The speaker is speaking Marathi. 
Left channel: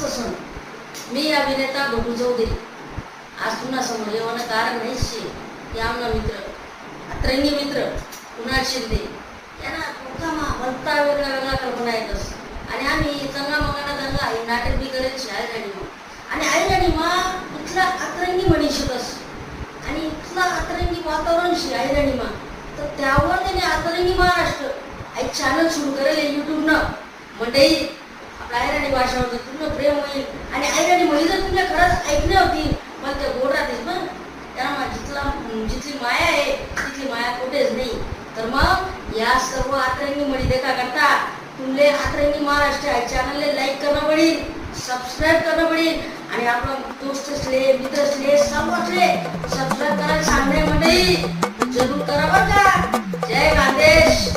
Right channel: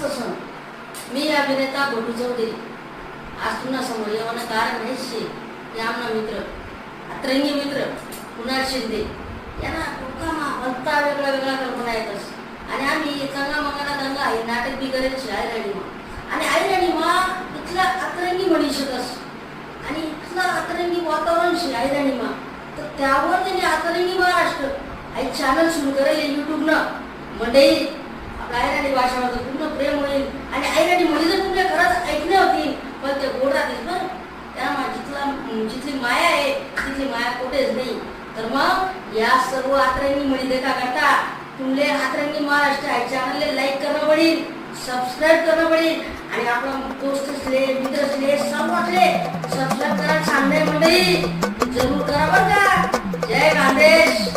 जबरदस्त सण. मी अभिनेता बटू चौधरी आज तुमना समोर येवनं कारण नाहीच शे की आमना मित्र अतरंगी मित्र कुणाल शिंदे यांना लोकांना भलता वेगळा वेगळा कल्पना येतस आणि आम्ही चंगा मंगाना दंगा हे नाटक बी करायची आई राणी मा इथला अतरंगी मनीषतस आणि इथला अतरंगी वातावरण शे आई राणी मा तर त्यावर त्यांनी अतरंगी महाराष्ट्र आई चॅनल सुरू करेल युट्यूबनं मंडळी आपल्या आयराणी भाषावर पूर्ण प्रेम होईल आणि आयराणी म्हणी जर तुला खरंच ऐकणे होती पण ते गोड राहतेस बरं त्यामुळे जिथली माया आहे तिथली माया कुठेच नाही. तर मग या सर्व अतरंगी म्हणी देखा करता तुमले अतरंगी महाराष्ट्र चॅनलले लाईक करणं पडेल, सबस्क्राईब करणं पडेल आणि आपला दोस्त असले मित्र असले सर्व असले सबस्क्राईब करायला सांगणे मंडळी जरूर करा बरं का. जय खानदेश.